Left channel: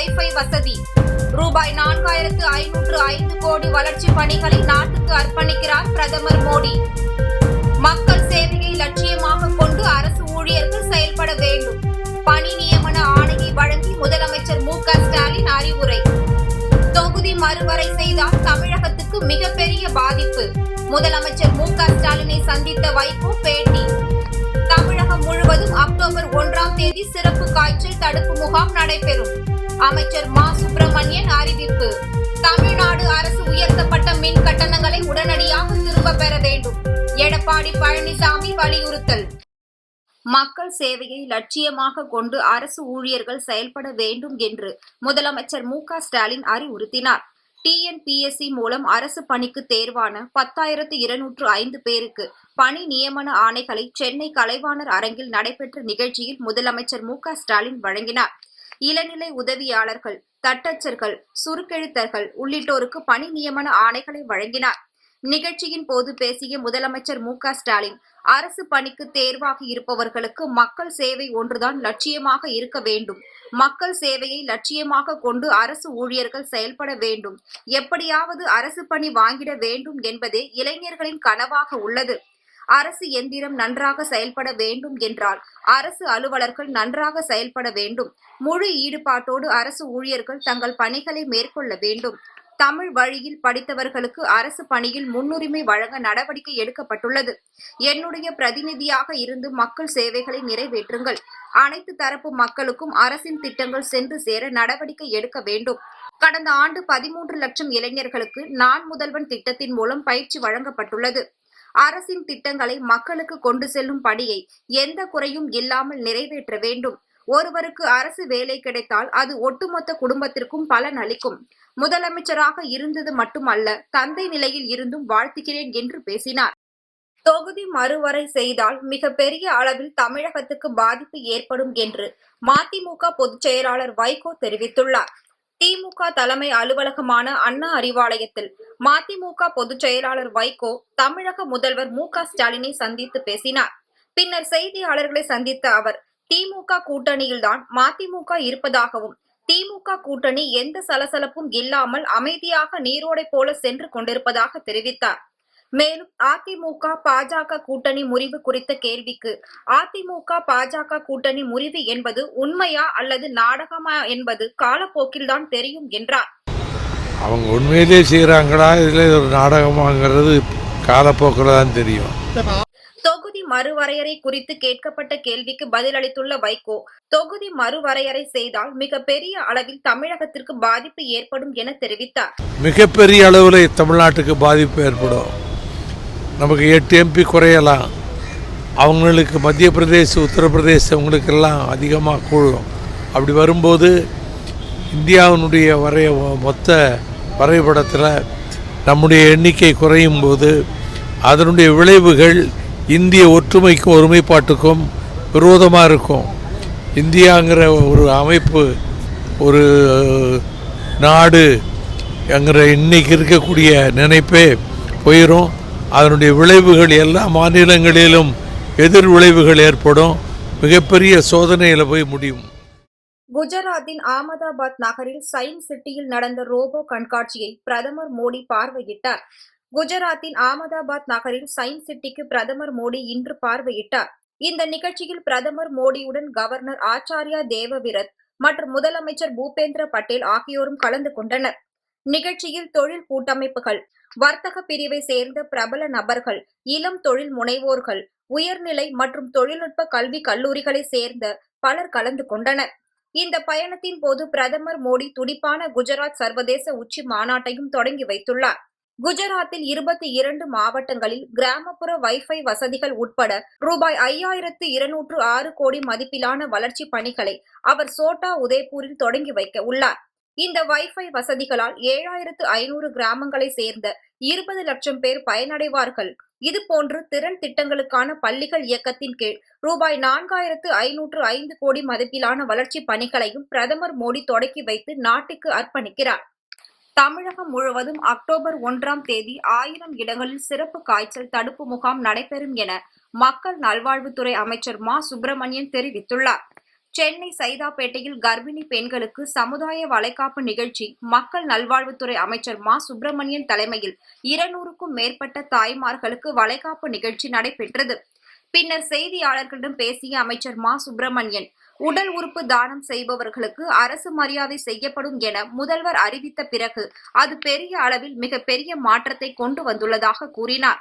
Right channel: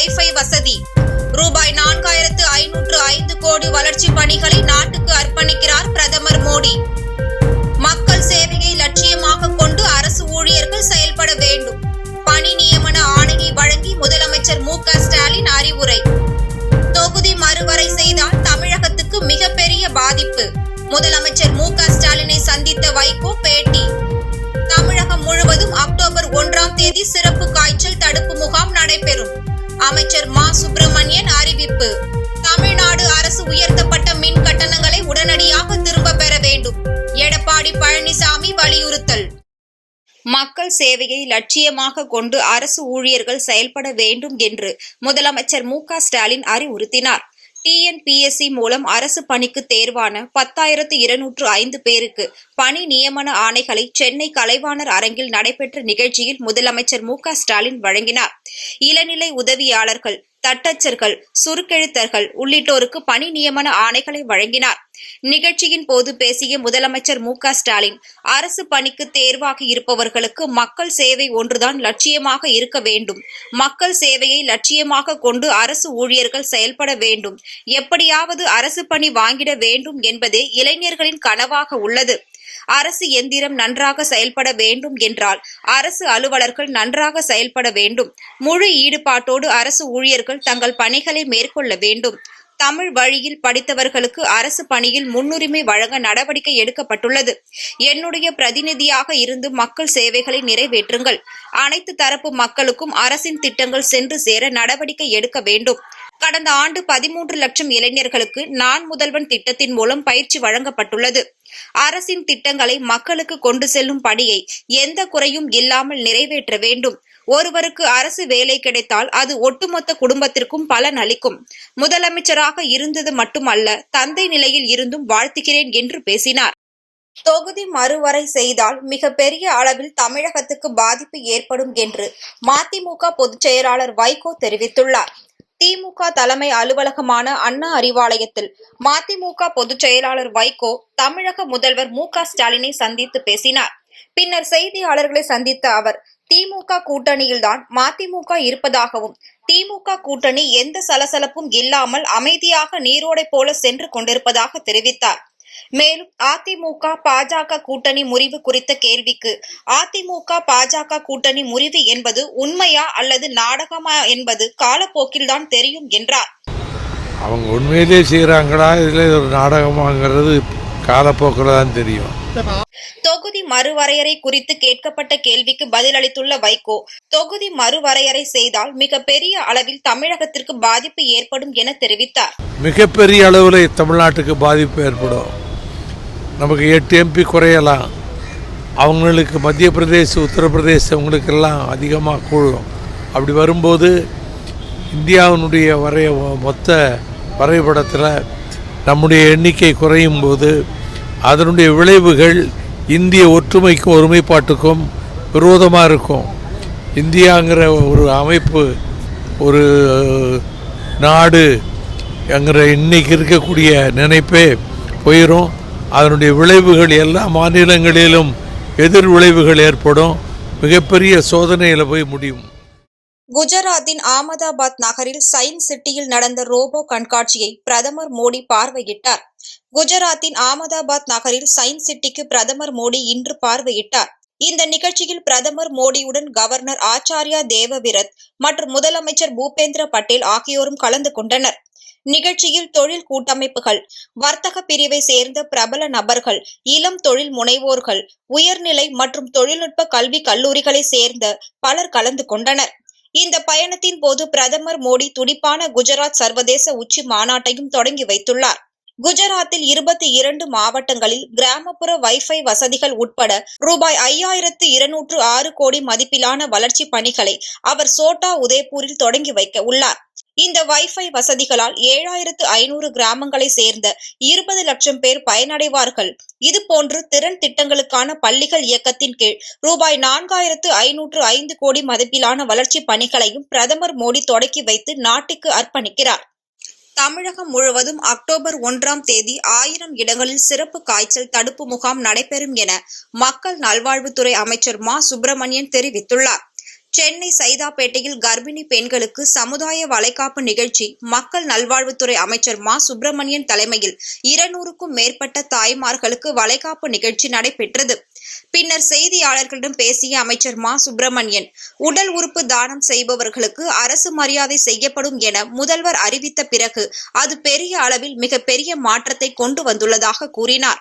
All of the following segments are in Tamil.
வைஃபை வசதி. ரூபாய் 4505 கோடி வளர்ச்சி பணிகளை நாட்டுக்கு அர்ப்பணிக்கிறார் பிரதமர் மோடி. மக்கள் சேவையை லட்சியமாக கொண்டு அரசு ஊழியர்கள் செயல்பட வேண்டும். பணி நியமன ஆணையை வழங்கி முதலமைச்சர் மு.க. ஸ்டாலின் அறிவுரை. தொகுதி மறுவரை செய்தால் தமிழகத்துக்கு மிகப்பெரிய பாதிப்பு. முதலமைச்சர் மு.க. ஸ்டாலினை சந்தித்த வைகோ பேட்டி. தமிழகம் முழுவதும் அக்டோபர் 1ஆம் தேதி சிறப்பு காய்ச்சல் தடுப்பு முகாம் நடைபெறும். அமைச்சர் மா. சுப்பிரமணியன் அறிவிப்பு. தமிழ்நாடு அரசு உயர்த்தப்பட்ட மின் கட்டணங்களை உடனடியாக திரும்ப பெற வேண்டும். எடப்பாடி பழனிசாமி வலியுறுத்தல். மக்கள் சேவையை லட்சியமாக கொண்டு அரசு ஊழியர்கள் செயல்பட வேண்டும் என்று முதலமைச்சர் மு.க. ஸ்டாலின் அறிவுறுத்தினார். TNPSC மூலம் அரசு பணிக்கு தேர்வான 10,205 பேருக்கு பணி நியமன ஆணைகளை சென்னை கலைவாணர் அரங்கில் நடைபெற்ற நிகழ்ச்சியில் முதலமைச்சர் மு.க. ஸ்டாலின் வழங்கினார். இளநிலை உதவியாளர்கள், தட்டச்சர்கள், சுருக்கெழுத்தர்கள் உள்ளிட்டோருக்கு பணி நியமன ஆணைகளை வழங்கினார். நிகழ்ச்சியின் போது பேசிய முதலமைச்சர் மு.க. ஸ்டாலின், அரசு பணிக்கு தேர்வாகி இருப்பவர்களுக்கு மக்கள் சேவை ஒன்றுதான் லட்சியமாக இருக்க வேண்டும். மக்கள் சேவையை லட்சியமாக கொண்டு அரசு ஊழியர்கள் செயல்பட வேண்டும். எப்படியாவது அரசு பணி வாங்கிட வேண்டும் என்பதே இளைஞர்களின் கனவாக உள்ளது. அரசு எந்திரம் நன்றாக செயல்பட வேண்டும் என்றால் அரசு அலுவலர்கள் நன்றாக செயல்பட வேண்டும். முழு ஈடுபாட்டோடு அரசு ஊழியர்கள் தங்கள் பணிகளை மேற்கொள்ள வேண்டும். தமிழ் வழியில் படித்தவர்களுக்கு அரசு பணியில் முன்னுரிமை வழங்க நடவடிக்கை எடுக்கப்பட்டுள்ளது. என்னுடைய பிரதிநிதியாக இருந்து மக்கள் சேவைகளை நிறைவேற்றுங்கள். அனைத்து தரப்பு மக்களுக்கும் அரசின் திட்டங்கள் சென்று சேர நடவடிக்கை எடுக்க வேண்டும். கடந்த ஆண்டு 13 லட்சம் இளைஞர்களுக்கு நான் முதல்வன் திட்டத்தின் மூலம் பயிற்சி வழங்கப்பட்டுள்ளது. அரசின் திட்டங்களை மக்களுக்கு கொண்டு செல்லும் பணியை எந்த குறையும் இல்லாமல் நிறைவேற்ற வேண்டும். ஒருவருக்கு அரசு வேலை கிடைத்தால் அது ஒட்டுமொத்த குடும்பத்திற்கும் பலன் அளிக்கும். முதலமைச்சராக இருந்தது மட்டுமல்ல, தந்தை நிலையில் இருந்தும் வாழ்த்துகிறேன் என்று பேசினார். தொகுதி மறுவரை செய்தால் மிகப்பெரிய அளவில் தமிழகத்துக்கு பாதிப்பு ஏற்படும் என்று மதிமுக பொதுச் செயலாளர் வைகோ தெரிவித்துள்ளார். திமுக தலைமை அலுவலகமான அண்ணா அறிவாலயத்தில் மதிமுக பொதுச் செயலாளர் வைகோ தமிழக முதல்வர் மு.க. ஸ்டாலினை சந்தித்து பேசினார். பின்னர் செய்தியாளர்களை சந்தித்த அவர், திமுக கூட்டணியில்தான் மதிமுக இருப்பதாகவும், திமுக கூட்டணி எந்த சலசலப்பும் இல்லாமல் அமைதியாக நீரோடை போல சென்று கொண்டிருப்பதாக தெரிவித்தார். மேலும் அதிமுக பாஜக கூட்டணி முறிவு குறித்த கேள்விக்கு, அதிமுக பாஜக கூட்டணி முறிவு என்பது உண்மையா அல்லது நாடகமா என்பது காலப்போக்கில்தான் தெரியும் என்றார். அவங்க உண்மையிலே செய்யறாங்களா, இதுல ஒரு நாடகமாங்கிறது காலப்போக்கில் தான் தெரியும். தொகுதி மறுவரையறை குறித்து கேட்கப்பட்ட கேள்விக்கு பதிலளித்துள்ள வைகோ, தொகுதி மறுவரையறை செய்தால் மிகப்பெரிய அளவில் தமிழகத்திற்கு பாதிப்பு ஏற்படும் என தெரிவித்தார். மிகப்பெரிய அளவில் தமிழ்நாட்டுக்கு பாதிப்பு ஏற்படும். நமக்கு 8 MP குறையலாம். அவங்களுக்கு மத்திய பிரதேச, உத்தரப்பிரதேசங்களுக்கெல்லாம் அதிகமாக கூடும். அப்படி வரும்போது இந்தியாவினுடைய மொத்த வரைபடத்தில் நம்முடைய எண்ணிக்கை குறையும் போது அதனுடைய விளைவுகள் இந்திய ஒற்றுமைக்கும் ஒருமைப்பாட்டுக்கும் விரோதமாக இருக்கும். இந்தியாங்கிற ஒரு அமைப்பு, ஒரு நாடு என்கிற இன்னைக்கு இருக்கக்கூடிய நினைப்பே போயிடும். அதனுடைய விளைவுகள் எல்லா மாநிலங்களிலும் எதிர் விளைவுகள் ஏற்படும். மிகப்பெரிய சோதனையில் போய் முடியும். குஜராத்தின் அகமதாபாத் நகரில் சயின்ஸ் சிட்டியில் நடந்த ரோபோ கண்காட்சியை பிரதமர் மோடி பார்வையிட்டார். குஜராத்தின் அகமதாபாத் நகரில் சயின்ஸ் சிட்டிக்கு பிரதமர் மோடி இன்று பார்வையிட்டார். இந்த நிகழ்ச்சியில் பிரதமர் மோடியுடன் கவர்னர் ஆச்சார்யா தேவவிரத் மற்றும் முதலமைச்சர் பூபேந்திர பட்டேல் ஆகியோரும் கலந்து கொண்டனர். நிகழ்ச்சியில் தொழில் கூட்டமைப்புகள், வர்த்தக பிரிவை சேர்ந்த பிரபல நபர்கள், இளம் தொழில் முனைவோர்கள், உயர்நிலை மற்றும் தொழில்நுட்ப கல்வி கல்லூரிகளை சேர்ந்த பலர் கலந்து கொண்டனர். இந்த பயணத்தின் போது பிரதமர் மோடி துடிப்பான குஜராத் சர்வதேச உச்சி மாநாட்டையும் தொடங்கி வைத்துள்ளார். குஜராத்தில் 22 மாவட்டங்களில் கிராமப்புற வைஃபை வசதிகள் உட்பட ரூபாய் 5,206 கோடி மதிப்பிலான வளர்ச்சி பணிகளை அவர் சோட்டா உதய்பூரில் தொடங்கி வைக்க உள்ளார். இந்த வைஃபை வசதிகளால் 7,500 கிராமங்களை சேர்ந்த 20 லட்சம் பேர் பயனடைவார்கள். இதுபோன்று திறன் திட்டங்களுக்கான பள்ளிகள் இயக்கத்தின் கீழ் ரூபாய் 4,505 கோடி மதிப்பிலான வளர்ச்சி பணிகளையும் பிரதமர் மோடி தொடக்கி வைத்து நாட்டுக்கு அர்ப்பணிக்கிறார். தமிழகம் முழுவதும் அக்டோபர் 1ஆம் தேதி 1000 இடங்களில் சிறப்பு காய்ச்சல் தடுப்பு முகாம் நடைபெறும் என மக்கள் நல்வாழ்வுத்துறை அமைச்சர் மா. சுப்பிரமணியன் தெரிவித்துள்ளார். சென்னை சைதாப்பேட்டையில் கர்ப்பிணி பெண்களுக்கு சமுதாய வளைகாப்பு நிகழ்ச்சி மக்கள் நல்வாழ்வுத்துறை அமைச்சர் மா சுப்பிரமணியன் தலைமையில் 200க்கும் மேற்பட்ட தாய்மார்களுக்கு வளைகாப்பு நிகழ்ச்சி நடைபெற்றது. பின்னர் செய்தியாளர்களிடம் பேசிய அமைச்சர் மா சுப்பிரமணியன், உடல் உறுப்பு தானம் செய்பவர்களுக்கு அரசு மரியாதை செய்யப்படும் என முதல்வர் அறிவித்த பிறகு அது பெரிய அளவில் மிகப்பெரிய மாற்றத்தை கொண்டு வந்துள்ளதாக கூறினார்.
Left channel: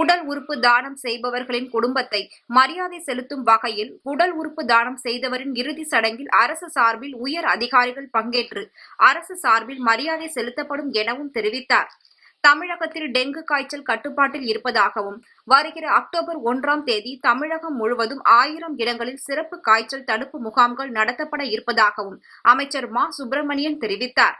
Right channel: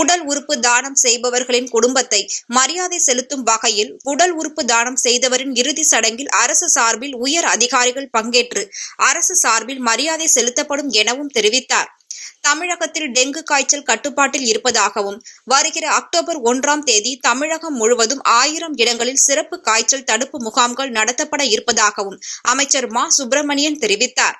உடல் உறுப்பு தானம் செய்பவர்களின் குடும்பத்தை மரியாதை செலுத்தும் வகையில் உடல் உறுப்பு தானம் செய்தவரின் இறுதி சடங்கில் அரசு சார்பில் உயர் அதிகாரிகள் பங்கேற்று அரசு சார்பில் மரியாதை செலுத்தப்படும் எனவும் தெரிவித்தார். தமிழகத்தில் டெங்கு காய்ச்சல் கட்டுப்பாட்டில் இருப்பதாகவும் வருகிற அக்டோபர் 1ஆம் தேதி தமிழகம் முழுவதும் 1000 இடங்களில் சிறப்பு காய்ச்சல் தடுப்பு முகாம்கள் நடத்தப்பட இருப்பதாகவும் அமைச்சர் மா சுப்பிரமணியன் தெரிவித்தார்.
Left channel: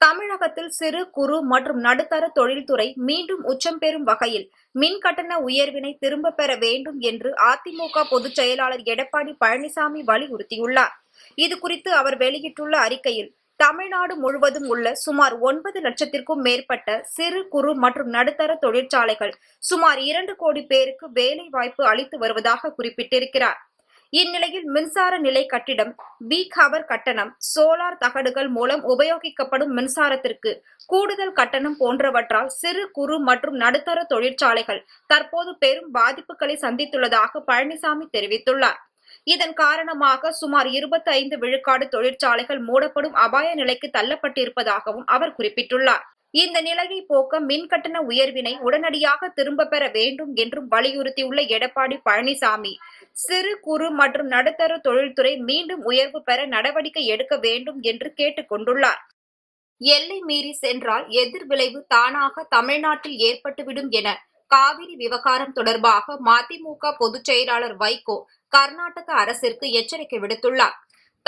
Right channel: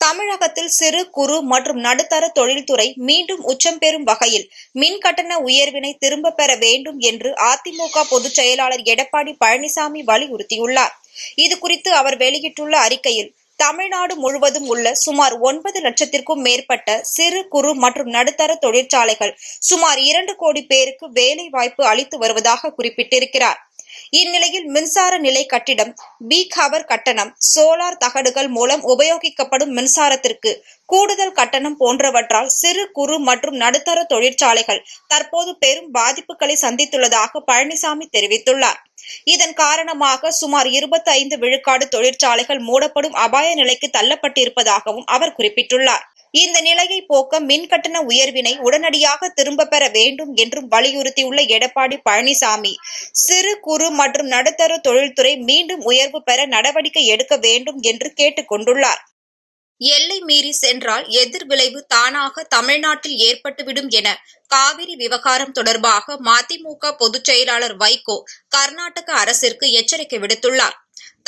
தமிழகத்தில் சிறு குறு மற்றும் நடுத்தர தொழில்துறை மீண்டும் உச்சம் பெறும் வகையில் மின் கட்டண உயர்வினை திரும்ப பெற வேண்டும் என்று அதிமுக பொதுச் செயலாளர் எடப்பாடி பழனிசாமி வலியுறுத்தியுள்ளார். இதுகுறித்து அவர் வெளியிட்டுள்ள அறிக்கையில், தமிழ்நாடு முழுவதும் உள்ள சுமார் 9 லட்சத்திற்கும் மேற்பட்ட சிறு குறு மற்றும் நடுத்தர தொழிற்சாலைகள் சுமார் 2 கோடி பேருக்கு வேலை வாய்ப்பு அளித்து வருவதாக குறிப்பிட்டிருக்கிறார். இந்நிலையில் மின்சார நிலை கட்டிடம், பீக் ஹவர் கட்டணம், சோலார் தகடுகள் மூலம் உபயோகிக்கப்படும் மின்சாரத்திற்கு கூடுதல் கட்டணம் போன்றவற்றால் சிறு குறு மற்றும் நடுத்தர தொழிற்சாலைகள் தற்போது பெரும் பாதிப்புகளை சந்தித்துள்ளதாக பழனிசாமி தெரிவித்துள்ளார். இதன் காரணமாக சுமார் 25 விழுக்காடு தொழிற்சாலைகள் மூடப்படும் அபாய நிலைக்கு தள்ளப்பட்டிருப்பதாகவும் அவர் குறிப்பிட்டுள்ளார். இந்த நிலையை போக்க மின் கட்டண உயர்வினை உடனடியாக திரும்ப பெற வேண்டும் என்றும் வலியுறுத்தியுள்ள எடப்பாடி பழனிசாமி, சிறு குறு மற்றும் நடுத்தர தொழில்துறை மீண்டும் உயர்வு பெற நடவடிக்கை எடுக்க வேண்டும் என்று கேட்டுக் கொண்டுள்ளார். எல்லை மீறி சென்றால் எதிர்விளைவு தானாக தமிழ்நாட்டில் ஏற்பட்டுவிடும் என காவிரி விவகாரம் தொடர்பாக மதிமுக பொதுச் செயலாளர் வைகோ கர்நாடக அரசிற்கு எச்சரிக்கை விடுத்துள்ளார்.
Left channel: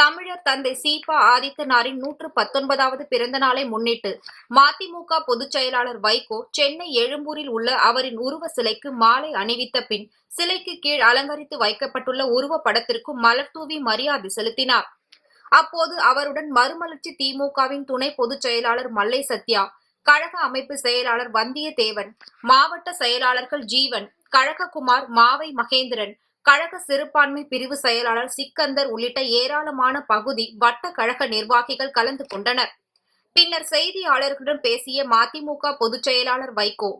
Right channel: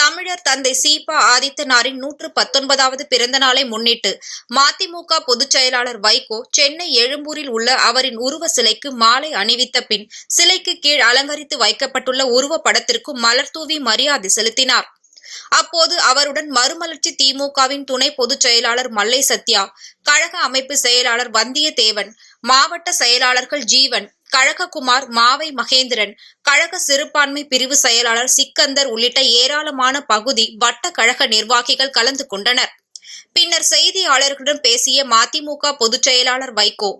தமிழர் தந்தை சீபா ஆதித்தனாரின் 119வது பிறந்த நாளை முன்னிட்டு மதிமுக பொதுச் செயலாளர் வைகோ சென்னை எழும்பூரில் உள்ள அவரின் உருவ சிலைக்கு மாலை அணிவித்த பின் சிலைக்கு கீழ் அலங்கரித்து வைக்கப்பட்டுள்ள உருவ படத்திற்கு மலர் தூவி மரியாதை செலுத்தினார். அப்போது அவருடன் மறுமலர்ச்சி திமுகவின் துணை பொதுச் செயலாளர் மல்லை சத்யா, கழக அமைப்பு செயலாளர் வந்தியத்தேவன், மாவட்ட செயலாளர்கள் ஜீவன், கழககுமார், மாவை மகேந்திரன், கழக சிறுபான்மை பிரிவு செயலாளர் சிக்கந்தர் உள்ளிட்ட ஏராளமான பகுதி வட்ட கழக நிர்வாகிகள் கலந்து கொண்டனர். பின்னர் செய்தியாளர்களிடம் பேசிய மதிமுக பொதுச் செயலாளர் வைகோ,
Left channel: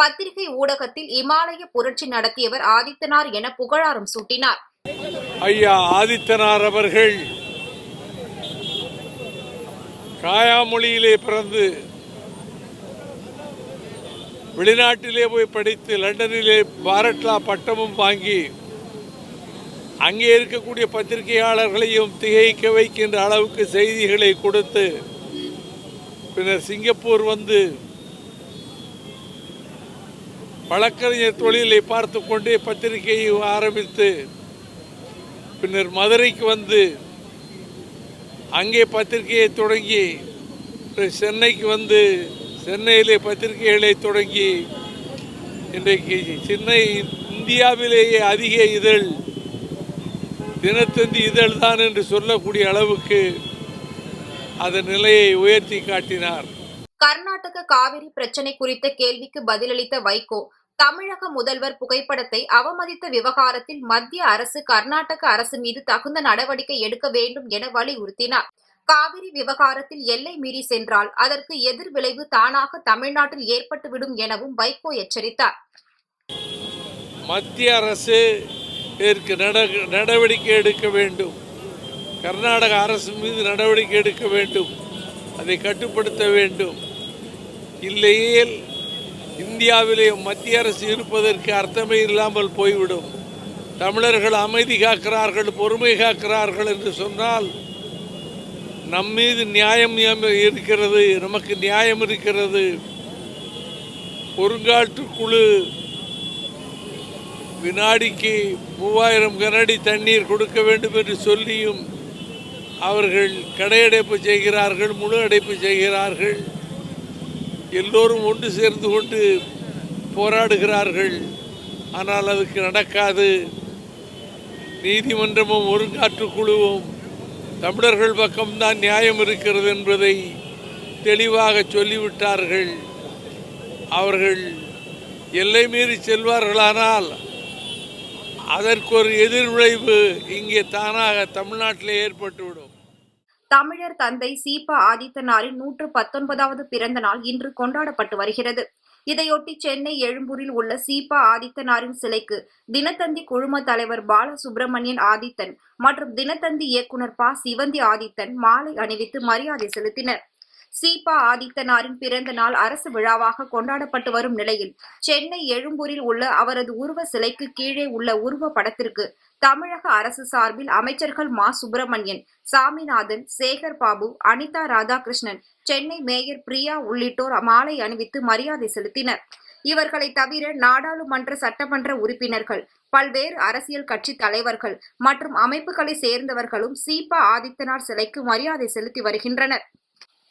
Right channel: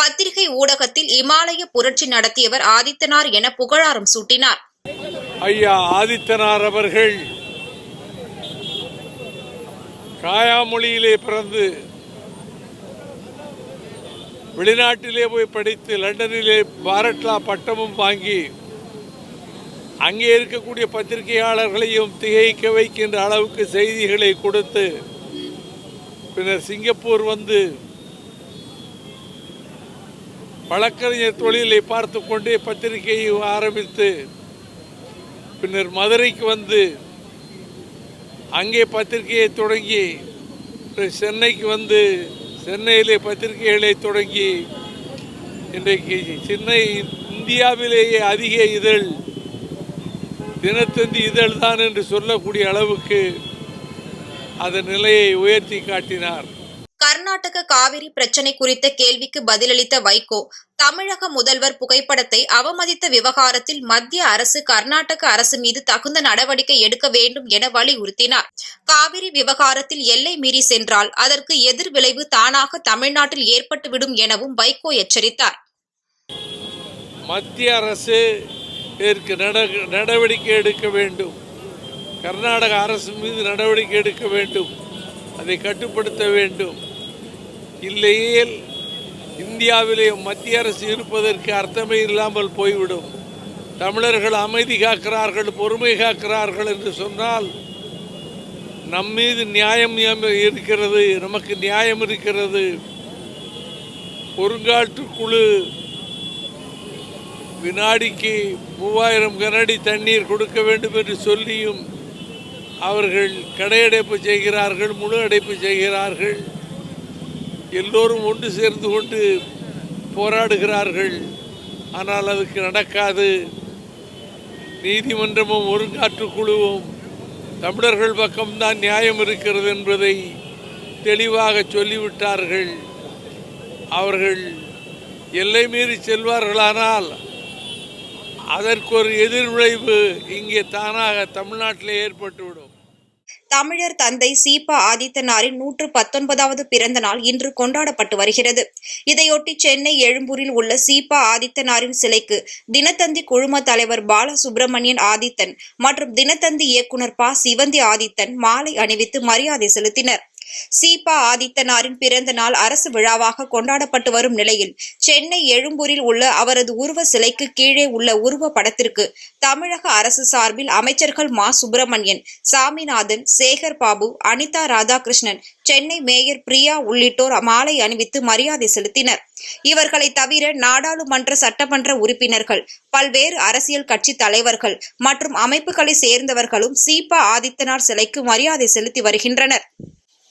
பத்திரிகை ஊடகத்தில் இமாலய புரட்சி நடத்தியவர் ஆதித்தனார் என புகழாரம் சூட்டினார். ஐயா ஆதித்தனார் அவர்கள் காயாமொழியிலே பிறந்து வெளிநாட்டிலே போய் படித்து லண்டனிலே பாரட்லா பட்டமும் வாங்கி அங்கே இருக்கக்கூடிய பத்திரிகையாளர்களையும் திகைக்க வைக்கின்ற அளவுக்கு செய்திகளை கொடுத்து பின்னர் சிங்கப்பூர் வந்து வழக்கறிஞர் தொழிலை பார்த்து கொண்டே பத்திரிகையை ஆரம்பித்து பின்னர் மதுரைக்கு வந்து அங்கே பத்திரிகையை தொடங்கி சென்னைக்கு வந்து சென்னையிலே பத்திரிகைகளை தொடங்கி இன்றைக்கு சென்னை இந்தியாவிலேயே அதிக இதழ் தினத்தந்தி இதழ் தான் என்று சொல்லக்கூடிய அளவுக்கு அதன் நிலையை உயர்த்தி காட்டினார். கர்நாடக காவிரி பிரச்சினை குறித்த கேள்விக்கு பதிலளித்த வைகோ, தமிழக முதல்வர் புகைப்படத்தை அவமதித்த விவகாரத்தில் மத்திய அரசு கர்நாடக அரசு மீது தகுந்த நடவடிக்கை எடுக்க வேண்டும் என வலியுறுத்தினார். காவிரி விவகாரத்தில் எல்லை மீறி சென்றால் அதற்கு எதிர்விளைவு தானாக தமிழ்நாட்டில் ஏற்பட்டுவிடும் எனவும் வைகோ எச்சரித்தார். மத்திய அரசு இதற்கு நடவடிக்கை எடுக்க வேண்டும். கர்நாடக அரசு மீது நடவடிக்கை எடுக்க வேண்டும். அதை கட்டுப்படுத்த வேண்டும். இல்லையேல் இந்தியாவிலே மத்திய அரசு இருப்பதற்கு அர்த்தமே இல்லாமல் போய்விடும். தமிழர்கள் அமைதி காக்கிறார்கள், பொறுமை காக்கிறார்கள் என்று சொன்னால் நம் மீது நியாயம் இருக்கிறது, நமக்கு நியாயம் இருக்கிறது. ஒருங்காட்டு குழு வினாடிக்கு 3000 கனஅடி தண்ணீர் கொடுக்க வேண்டும் என்று சொல்லியும் அவர்கள் கடையடைப்பு செய்கிறார்கள், முழு அடைப்பு செய்கிறார்கள். எல்லோரும் ஒன்று சேர்ந்து கொண்டு போராடுகிறார்கள். ஆனால் அதுக்கு நடக்காது. நீதிமன்றமும் ஒருங்காற்று குழுவும் தமிழர்கள் பக்கம்தான் நியாயம் இருக்கிறது என்பதை தெளிவாக சொல்லிவிட்டார்கள். அவர்கள் எல்லை மீறி செல்வார்களானால் அதற்கு ஒரு எதிர்விளைவு இங்கே தானாக தமிழ்நாட்டில் ஏற்பட்டுவிடும். தமிழர் தந்தை சீபா ஆதித்தனாரின் 119வது பிறந்த நாள் இன்று கொண்டாடப்பட்டு வருகிறது. இதையொட்டி சென்னை எழும்பூரில் உள்ள சீபா ஆதித்தனாரின் சிலைக்கு தினத்தந்தி குழும தலைவர் பாலசுப்ரமணியன் ஆதித்தன் மற்றும் தினத்தந்தி இயக்குனர் ப. சிவந்தி ஆதித்தன் மாலை அணிவித்து மரியாதை செலுத்தினர். சீபா ஆதித்தனாரின் பிறந்த நாள் அரசு விழாவாக கொண்டாடப்பட்டு வரும் நிலையில் சென்னை எழும்பூரில் உள்ள அவரது உருவ சிலைக்கு கீழே உள்ள உருவ படத்திற்கு தமிழக அரசு சார்பில் அமைச்சர்கள் மா. சுப்பிரமணியன், சாமிநாதன், சேகர் பாபு, அனிதா ராதாகிருஷ்ணன், சென்னை மேயர் பிரியா உள்ளிட்டோர் மாலை அணிவித்து மரியாதை செலுத்தினர். இவர்களை தவிர நாடாளுமன்ற, சட்டமன்ற உறுப்பினர்கள், பல்வேறு அரசியல் கட்சி தலைவர்கள் மற்றும் அமைப்புகளை சேர்ந்தவர்களும் சீபா ஆதித்தனார் சிலைக்கு மரியாதை செலுத்தி வருகின்றனர்.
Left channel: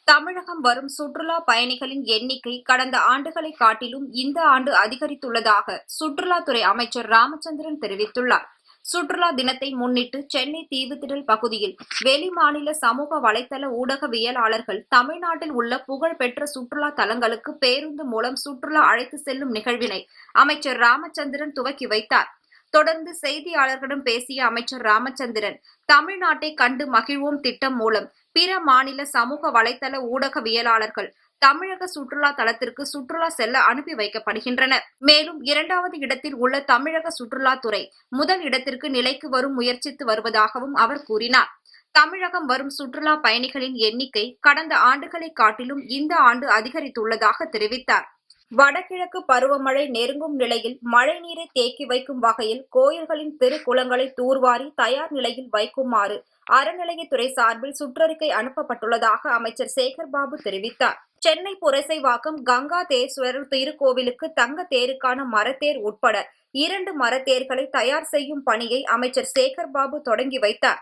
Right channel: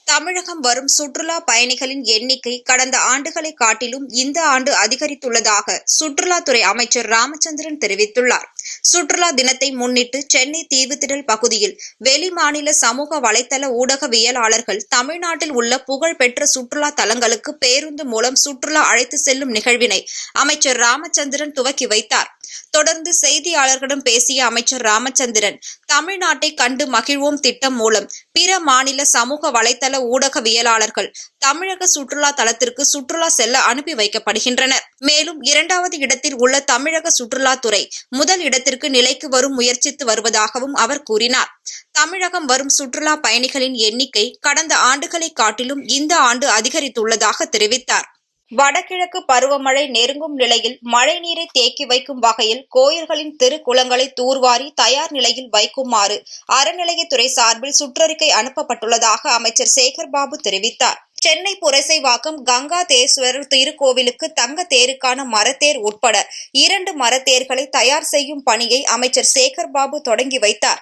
தமிழகம் வரும் சுற்றுலா பயணிகளின் எண்ணிக்கை கடந்த ஆண்டுகளை காட்டிலும் இந்த ஆண்டு அதிகரித்துள்ளதாக சுற்றுலாத்துறை அமைச்சர் ராமச்சந்திரன் தெரிவித்துள்ளார். சுற்றுலா தினத்தை முன்னிட்டு சென்னை தீவுத்திடல் பகுதியில் வெளிமாநில சமூக வலைதள ஊடகவியலாளர்கள் தமிழ்நாட்டில் உள்ள புகழ்பெற்ற சுற்றுலா தலங்களுக்கு பேருந்து மூலம் சுற்றுலா அழைத்து செல்லும் நிகழ்வினை அமைச்சர் ராமச்சந்திரன் துவக்கி வைத்தார். தொடர்ந்து செய்தியாளர்களிடம் பேசிய அமைச்சர் ராமச்சந்திரன், தமிழ்நாட்டை கண்டு மகிழ்வோம் திட்டம் மூலம் பிற மாநில சமூக வலைதள ஊடகவியலாளர்கள் தமிழக சுற்றுலா தலத்திற்கு சுற்றுலா செல்ல அனுப்பி வைக்கப்படுகின்றனர். மேலும் 2வது இடத்தில் உள்ள தமிழக சுற்றுலாத்துறை முதல் இடத்திற்கு நிலைக்கு வரும் முயற்சித்து வருவதாகவும் அவர் கூறினார். தமிழகம் வரும் சுற்றுலா பயணிகளின் எண்ணிக்கை கடந்த ஆண்டுகளை காட்டிலும் இந்த ஆண்டு அதிகரித்துள்ளதாக தெரிவித்தார். வடகிழக்கு பருவமழை நெருங்கும் நிலையில் மழைநீரை தேக்கி வைக்கும் வகையில் கோயில்களின் திருக்குளங்களை தூர்வாரி தயார் நிலையில் வைக்குமாறு அறநிலையத்துறை சார்பில் சுற்றறிக்கை அனுப்பப்பட்டுள்ளதாக அமைச்சர் சேகர் பாபு தெரிவித்தார். சென்னை புரசைவாக்கம் கங்காதேஸ்வரர் திருக்கோவிலுக்கு தங்க தேருக்கான மரத்தேர் உட்பட 2 மரத்தேர்களை தயார் செய்யும் பணியை அமைச்சர் சேகர் பாபு தொடங்கி வைத்தார்.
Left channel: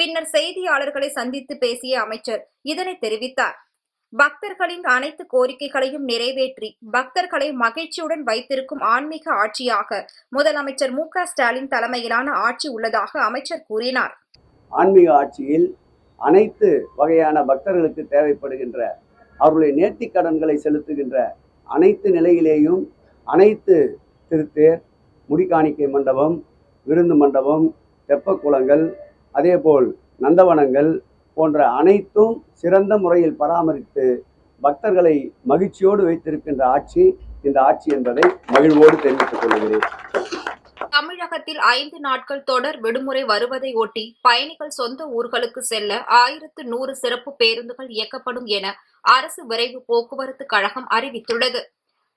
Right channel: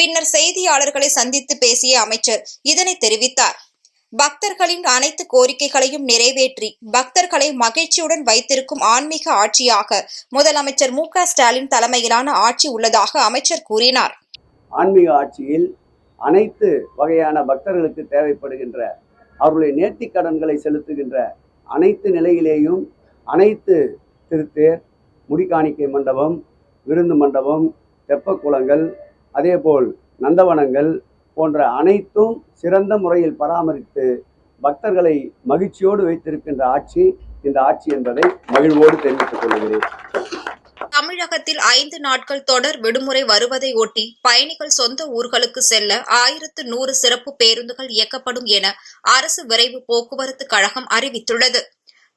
பின்னர் செய்தியாளர்களை சந்தித்து பேசிய அமைச்சர் இதனை தெரிவித்தார். பக்தர்களின் அனைத்து கோரிக்கைகளையும் நிறைவேற்றி பக்தர்களை மகிழ்ச்சியுடன் வைத்திருக்கும் ஆன்மீக ஆட்சியாக முதலமைச்சர் மு. க. ஸ்டாலின் தலைமையிலான ஆட்சி உள்ளதாக அமைச்சர் கூறினார். ஆன்மீக ஆட்சியில் அனைத்து வகையான பக்தர்களுக்கு தேவைப்படுகின்ற அவர்களுடைய நேர்த்திக் கடன்களை செலுத்துகின்ற அனைத்து நிலையிலேயும் அனைத்து திருத்தேர், முடிக்காணிக்கை மண்டபம், விருந்து மண்டபம், தெப்பக்குளங்கள், அதேபோல் நந்தவனங்கள் போன்ற அனைத்தும் சிறந்த முறையில் பராமரித்து பக்தர்களை மகிழ்ச்சியோடு வைத்திருக்கின்ற ஆட்சி இந்த ஆட்சி என்பதை மகிழ்வோடு தெரிவித்துக் கொள்கிறேன். தமிழகத்தில் 5 நாட்கள் தொடர் விடுமுறை வருவதை ஒட்டி பயணிகள் சொந்த ஊர்களுக்கு செல்ல 1100 சிறப்பு பேருந்துகள் இயக்கப்படும் என அரசு விரைவு போக்குவரத்து கழகம் அறிவித்துள்ளது.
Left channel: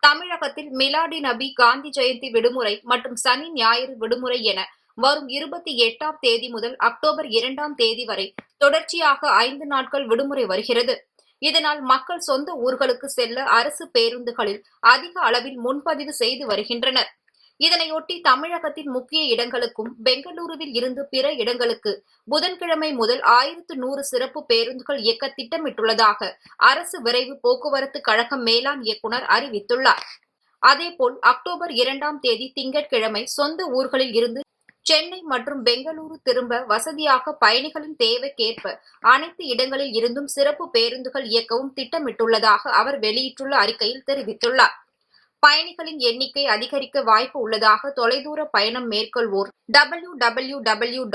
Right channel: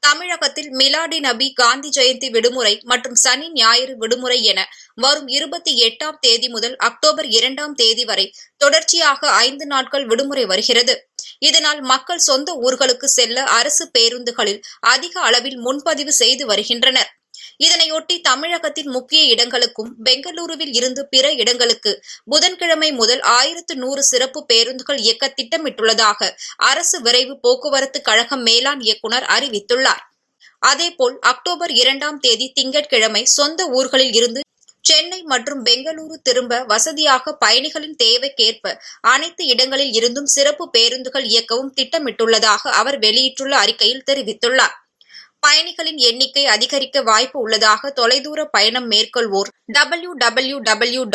தமிழகத்தில் மிலாடி நபி, காந்தி ஜெயந்தி விடுமுறை மற்றும் சனி ஞாயிறு விடுமுறை என வரும் 28ஆம் தேதி முதல் அக்டோபர் 2ஆம் தேதி வரை தொடர்ச்சியாக 5 நாட்கள் விடுமுறை வருகிறது. இதனால் மக்கள் சொந்த ஊர்களுக்கு செல்ல அரசு பேருந்துகளில் அதிக அளவில் முன்பதிவு செய்து வருகின்றனர். இதனையொட்டி தமிழகத்தின் முக்கிய இடங்களுக்கும் பெங்களூருவில் இருந்து பிற இடங்களுக்கு புதன்கிழமை முதல் 1100 சிறப்பு பேருந்துகள் இயக்க திட்டமிட்டுள்ளதாக அரசு விரைவு போக்குவரத்து கழக மேலாண் இயக்குநர் அறிவித்துள்ளார். அதேபோல் அக்டோபர் 2ஆம் தேதி திங்கட்கிழமை சொந்த ஊர்களில் இருந்து சென்னை மற்றும் பெங்களூரு திரும்ப வசதியாக பயணிகளின் தேவைக்கேற்ப அனைத்து இடங்களில் இருந்தும் சிறப்பு பேருந்துகள் இயக்கவும் திட்டமிட்டுள்ளதாக அவர் வெளியிட்டுள்ள அறிக்கையில் தெரிவித்துள்ளார். பயணிகளின் எண்ணிக்கை அதிகரிக்க வாய்ப்பு உள்ளதாக தொலைதூர பயணம் மேற்கொள்வோர் www.tnstc.in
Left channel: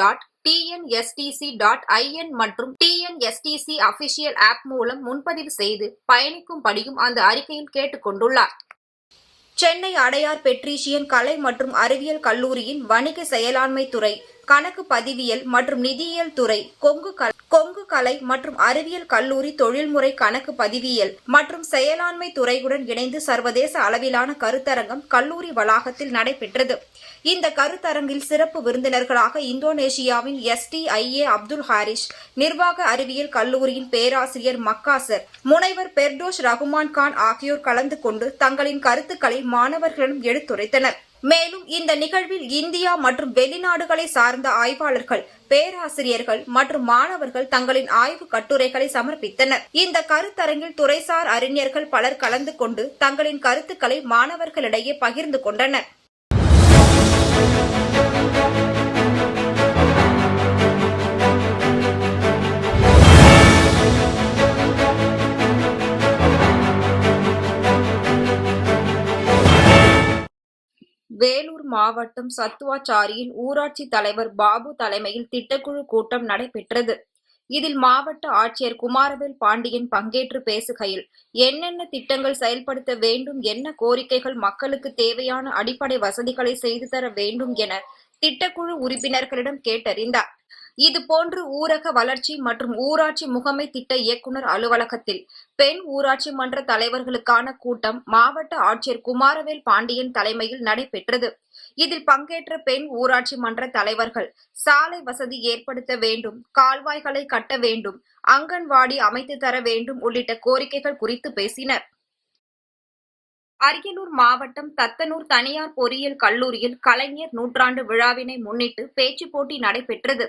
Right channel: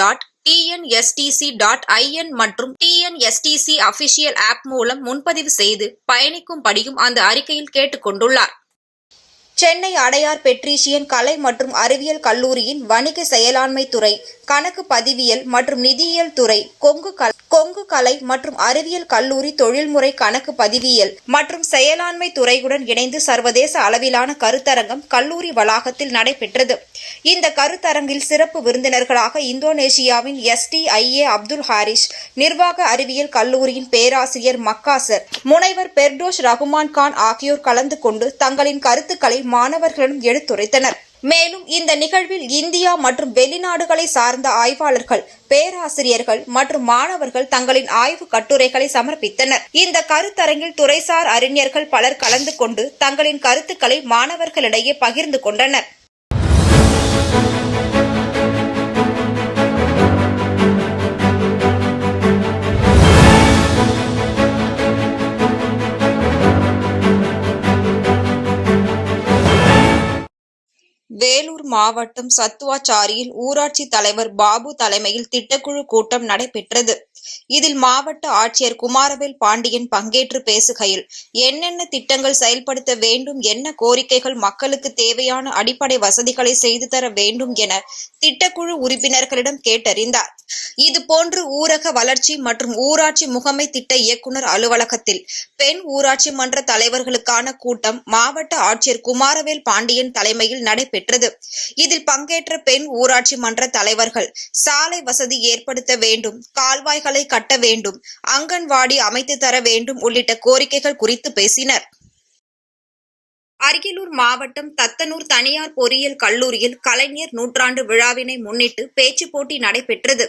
மற்றும் TNSTC அபிஷியல் ஆப் மூலம் முன்பதிவு செய்து பயணிக்கும்படியும் அந்த அறிக்கையில் கேட்டுக் கொண்டுள்ளார். சென்னை அடையார் பெட்ரீஷியன் கலை மற்றும் அறிவியல் கல்லூரியின் வணிக செயலாண்மை துறை, கணக்கு பதிவியல் மற்றும் நிதியியல் துறை, கொங்கு கலை மற்றும் அறிவியல் கல்லூரி தொழில்முறை கணக்கு பதிவியல் மற்றும் செயலாண்மை துறையுடன் இணைந்து சர்வதேச அளவிலான கருத்தரங்கம் கல்லூரி வளாகத்தில் நடைபெற்றது. இந்த கருத்தரங்கில் சிறப்பு விருந்தினர்களாக இந்தோனேஷியாவின் STIA அப்துல் ஹாரிஷ், நிர்வாக அறிவியல் கல்லூரியின் பேராசிரியர் மக்காசர், முனைவர் பெர்டோஷ் ரகுமான் கான் ஆகியோர் கலந்து கொண்டு தங்களின் கருத்துக்களை மாணவர்களிடம் எடுத்துரைத்தனர். மேலும் இந்த நிகழ்வில் இந்தியா மற்றும் வெளிநாடுகளை சார்ந்த ஆய்வாளர்கள், பேராசிரியர்கள் மற்றும் மாணவர்கள் தங்களின் ஆய்வு கட்டுரைகளை சமர்ப்பித்தனர். இந்த கருத்தரங்கில் துறைசார் அறிஞர்கள் பலர் கலந்து கொண்டு தங்களின் கருத்துக்களை மாணவர்களிடையே பகிர்ந்து கொண்டனர். வேலூர் வேலூர் மாவட்டம் சத்துவாச்சாரியில் ஊராட்சி தலைவர் பாபு தலைமையில் திட்டக்குழு கூட்டம் நடைபெற்றது. இதில் மாவட்ட ஆட்சியர் குமாரவேல் பாண்டியன் பங்கேற்று பேசுகையில், என்னென்ன திட்டங்கள் செயல்படுத்த வேண்டும், என்ன கோரிக்கைகள், மக்களுக்கு தேவையான அடிப்படை வசதிகளை செய்து தர வேண்டும் என திட்டக்குழு உறுப்பினர்களிடம் கேட்டறிந்தார். இதுபோன்று ஊரக வளர்ச்சி மற்றும் ஊராட்சி முகமை திட்ட இயக்குனர் அலுவலகத்தில் பெண் ஊராட்சி மன்ற தலைவர்களுக்கான கூட்டம் மாவட்ட ஆட்சியர் குமாரவேல் பாண்டியன் தலைமையில் நடைபெற்றது. இதில் பங்கேற்ற பெண் ஊராட்சி மன்ற தலைவர்கள் சாலை வசதி ஏற்படுத்த வேண்டும், கால்வாய்களை கட்ட வேண்டும், அங்கன்வாடி அமைத்து தர வேண்டும் உள்ளிட்ட கோரிக்கைகள் குறித்து பேசினர். அரியலூர் மாவட்டம் தத்தனூர் தனியார் பொறியியல் கல்லூரியில் கலைஞர் நூற்றாண்டு விழாவினை முன்னிட்டு பேச்சு போட்டி நடைபெற்றது.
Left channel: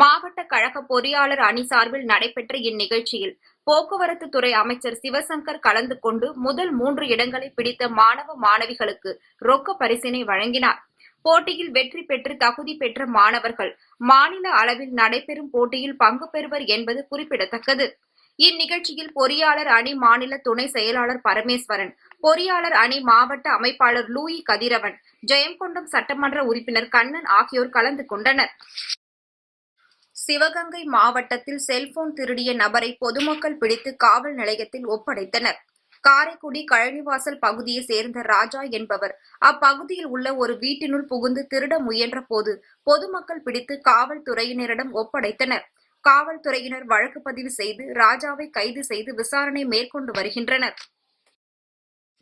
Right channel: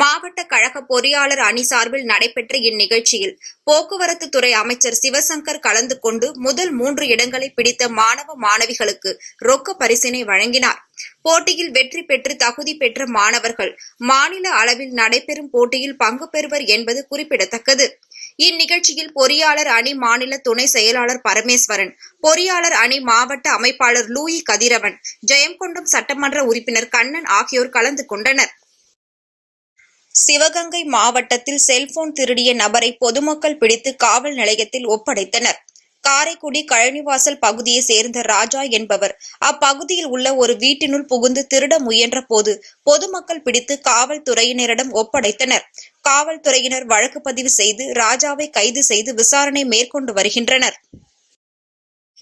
மாவட்ட கழக பொறியாளர் அணி சார்பில் நடைபெற்ற இந்நிகழ்ச்சியில் போக்குவரத்து துறை அமைச்சர் சிவசங்கர் கலந்து கொண்டு முதல் 3 இடங்களை பிடித்த மாணவ மாணவிகளுக்கு ரொக்க பரிசினை வழங்கினார். போட்டியில் வெற்றி பெற்று தகுதி பெற்ற மாணவர்கள் மாநில அளவில் நடைபெறும் போட்டியில் பங்கு பெறுவர் என்பது குறிப்பிடத்தக்கது. இந்நிகழ்ச்சியில் பொறியாளர் அணி மாநில துணை செயலாளர் பரமேஸ்வரன், பொறியாளர் அணி மாவட்ட அமைப்பாளர் லூயி கதிரவன், ஜெயங்கொண்டம் சட்டமன்ற உறுப்பினர் கண்ணன் ஆகியோர் கலந்து கொண்டனர். சிவகங்கை மாவட்டத்தில் செல்போன் திருடிய நபரை பொதுமக்கள் பிடித்து காவல் நிலையத்தில் ஒப்படைத்தனர். காரைக்குடி கழனிவாசல் பகுதியை சேர்ந்த ராஜா என்பவர் அப்பகுதியில் உள்ள ஒரு வீட்டினுள் புகுந்து திருட முயன்ற போது பொதுமக்கள் பிடித்து காவல்துறையினரிடம் ஒப்படைத்தனர். காவல்துறையினர் வழக்கு பதிவு செய்து ராஜாவை கைது செய்து விசாரணை மேற்கொண்டு வருகின்றனர்.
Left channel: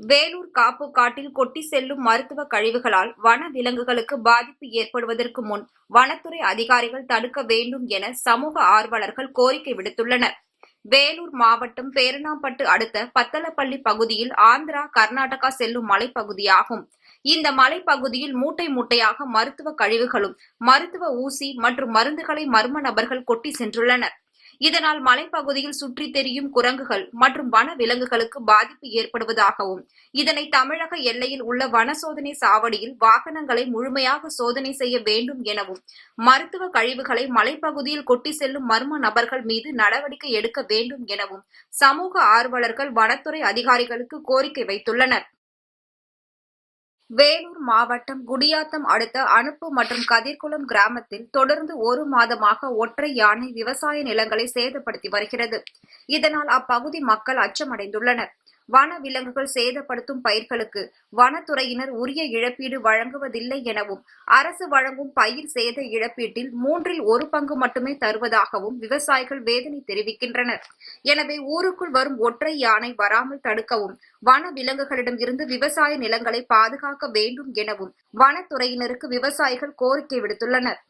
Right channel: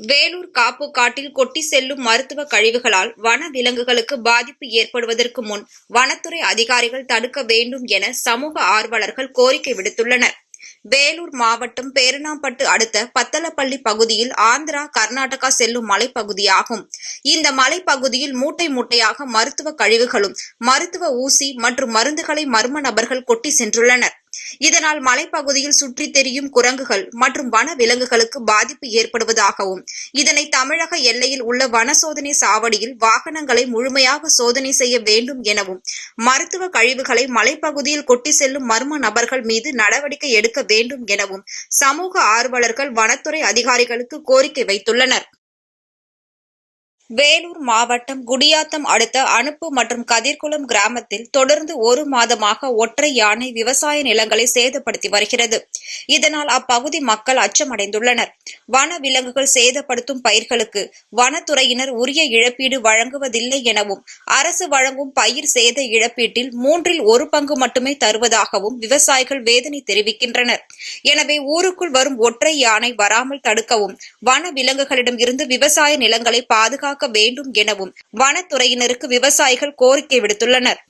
வேலூர் காப்பு காட்டில் கொட்டி செல்லும் மருத்துவ கழிவுகளால் வன விலங்குகளுக்கு பாதிப்பு ஏற்படுவதற்கு முன் வனத்துறை அதிகாரிகள் தடுக்க வேண்டும் என சமூக ஆர்வலர்கள் கோரிக்கை விடுத்துள்ளனர். வேலூர் மாவட்டம் பேரணாம்பட்டு அடுத்த பத்தலப்பள்ளி பகுதியில் ஆந்திரா, கர்நாடகா செல்லும் மலைப்பகுதியாகும். இந்த மலைப்பகுதியில் மூட்டை மூட்டையாக மருத்துவ கழிவுகளும், மருத்துவ ஊசி மற்றும் மருந்துகளை மர்ம நபர்கள் கொட்டி சென்றுள்ளனர். இதனால் மலைப்பகுதியில் சுற்றி தெரியும் குரங்குகள் மற்றும் வன விலங்குகளுக்கு பாதிப்பு ஏற்படுவதாகவும், இதனை தமிழக எல்லையில் உள்ள வன சோதனை சாவடியில் வாகனங்களை முழுமையாக சோதனை செய்ய வேண்டும் எனவும், மருத்துவ கழிவுகளை மலைப்பகுதியில் கொட்டி செல்லும் மர்ம நபர்கள் மீது நடவடிக்கை எடுக்க வேண்டும் எனவும் சமூக ஆர்வலர்கள் வனத்துறை அதிகாரிகளுக்கு கோரிக்கை வைத்துள்ளனர். வேலூர் மாவட்டம் குடியாத்தம் அடுத்த அனுப்பு மற்றும் கதிர்குளம் கிராமத்தில் தொடர்ந்து 1 மாதமாக ஒற்றை யானை விவசாய நிலங்களை சேதப்படுத்தி வருகிறது. இதனால் அப்பகுதி மக்கள் அச்சமடைந்துள்ளனர். வன விலங்குகள் சேதப்படுத்தும் பயிர்களுக்கு வனத்துறையினர் உரிய இழப்பீடு வழங்குவதில்லை எனவும், அரசு வழங்கும் பயிர் சேத இழப்பீட்டில் 3 1 பங்கு மட்டுமே தருவதாகவும் விவசாயிகள் வேதனை தெரிவிக்கின்றனர். எனவே ஊருக்குள் வரும் ஒற்றை யானை வராமல் தடுக்கவும், வன விலங்குகளிடம் இருந்து விவசாய நிலங்களை பாதுகாக்க வேண்டும் எனவும் வனத்துறையினருக்கு விவசாயிகள் கோரிக்கை விடுத்துள்ளனர்.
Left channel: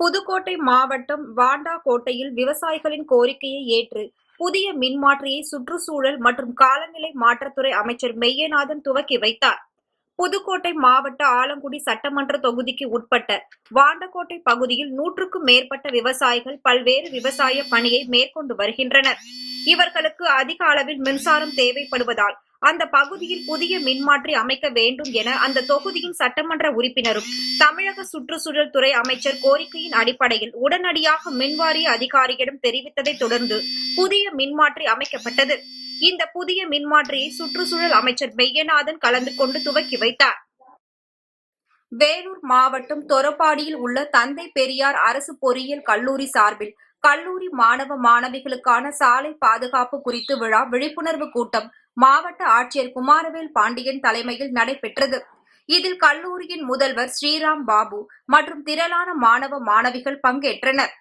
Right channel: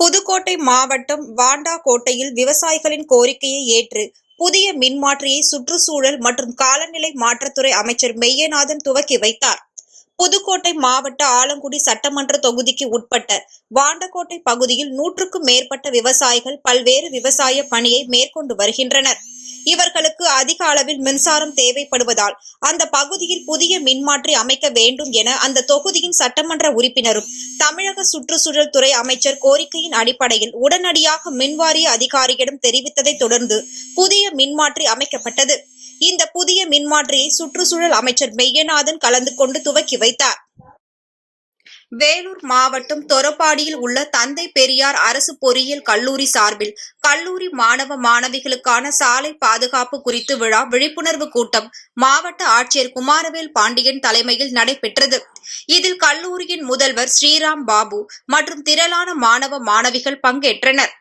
புதுக்கோட்டை மாவட்டம் வாண்டாக்கோட்டையில் விவசாயிகளின் கோரிக்கையை ஏற்று புதிய மின்மாற்றியை சுற்றுச்சூழல் மற்றும் காலநிலை மாற்றத்துறை அமைச்சர் மெய்யநாதன் துவக்கி வைத்தார். புதுக்கோட்டை மாவட்ட ஆலங்குடி சட்டமன்ற தொகுதிக்கு உட்பட்ட வாண்டக்கோட்டை பகுதியில் 100க்கும் மேற்பட்ட விவசாயிகள் பல்வேறு விவசாய பணியை மேற்கொண்டு வருகின்றனர். இவர்களுக்கு அதிக அளவில் மின்சாரம் தேவைப்படுவதால் அந்த பகுதியில் புதிய மின்மாற்றி அமைக்க வேண்டும் என அந்த தொகுதியின் சட்டமன்ற உறுப்பினரும் தமிழக சுற்றுச்சூழல் துறை அமைச்சர் கோரிக்கையின் அடிப்படையில் உடனடியாக மின்வாரிய அதிகாரியிடம் தெரிவித்ததை தொடர்ந்து புதிய மின்மாற்றி அமைக்கப்பட்டது. இந்த புதிய மின்மாற்றியை சுற்றுச்சூழல் அமைச்சர் மெய்யநாதன் கலந்து கொண்டு துவக்கி வைத்தார். வேலூர் மாவட்டம் தொரப்பாடியில் உள்ள தந்தை பெரியார் அரசு பொறியியல் கல்லூரி சார்பில் கல்லூரி மாணவ மாணவிகளுக்கான சாலை பாதுகாப்பு குறித்து விழிப்புணர்வு கூட்டம் மாவட்ட ஆட்சியர் குமாரவேல் பாண்டியன் தலைமையில் நடைபெற்றது. இதில் கல்லூரியின் முதல்வர் ஸ்ரீராம் பாபு மற்றும் திரளான மாணவ மாணவிகள் பங்கேற்றனர்.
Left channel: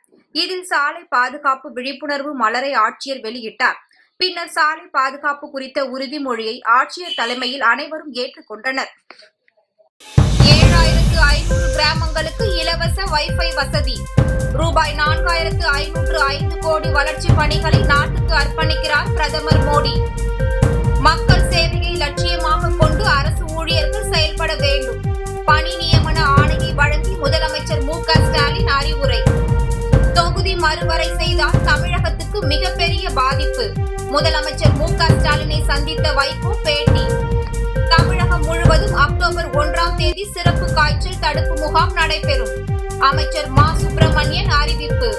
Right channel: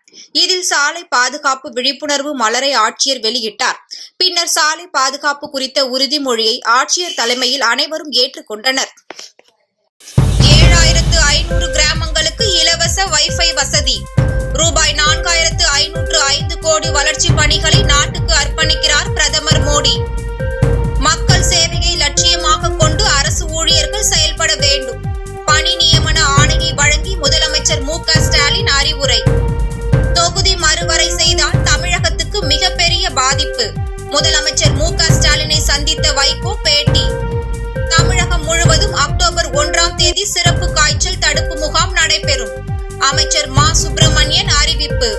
இதில் சாலை பாதுகாப்பு விழிப்புணர்வு மலரை ஆட்சியர் வெளியிட்டார். பின்னர் சாலை பாதுகாப்பு குறித்த உறுதிமொழியை ஆட்சியர் தலைமையில் அனைவரும் ஏற்றுக்கொண்டனர். 7500 கிராமங்களுக்கு இலவச வைஃபை வசதி. ரூபாய் 4505 கோடி வளர்ச்சி பணிகளை நாட்டுக்கு அர்ப்பணிக்கிறார் பிரதமர் மோடி. மக்கள் சேவையை லட்சியமாக கொண்டு அரசு ஊழியர்கள் செயல்பட வேண்டும். பணி நியமன ஆணையை வழங்கி முதலமைச்சர் மு.க. ஸ்டாலின் அறிவுரை. தொகுதி மறுவரை செய்தால் தமிழகத்துக்கு மிகப்பெரிய பாதிப்பு. முதலமைச்சர் மு.க. ஸ்டாலினை சந்தித்த வைகோ பேட்டி. தமிழகம் முழுவதும் அக்டோபர் 1ஆம் தேதி சிறப்பு காய்ச்சல் தடுப்பு முகாம் நடைபெறும். அமைச்சர் மா. சுப்பிரமணியன் அறிவிப்பு.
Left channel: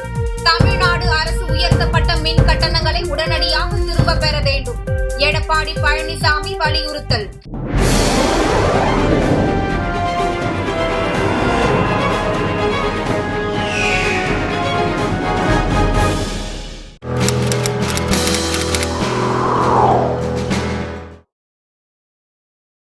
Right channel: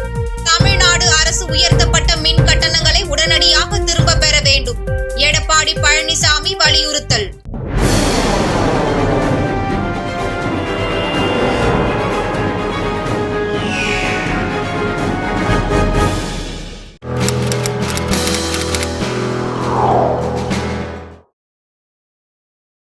தமிழ்நாடு அரசு உயர்த்தப்பட்ட மின் கட்டணங்களை உடனடியாக திரும்ப பெற வேண்டும். எடப்பாடி பழனிசாமி வலியுறுத்தல்.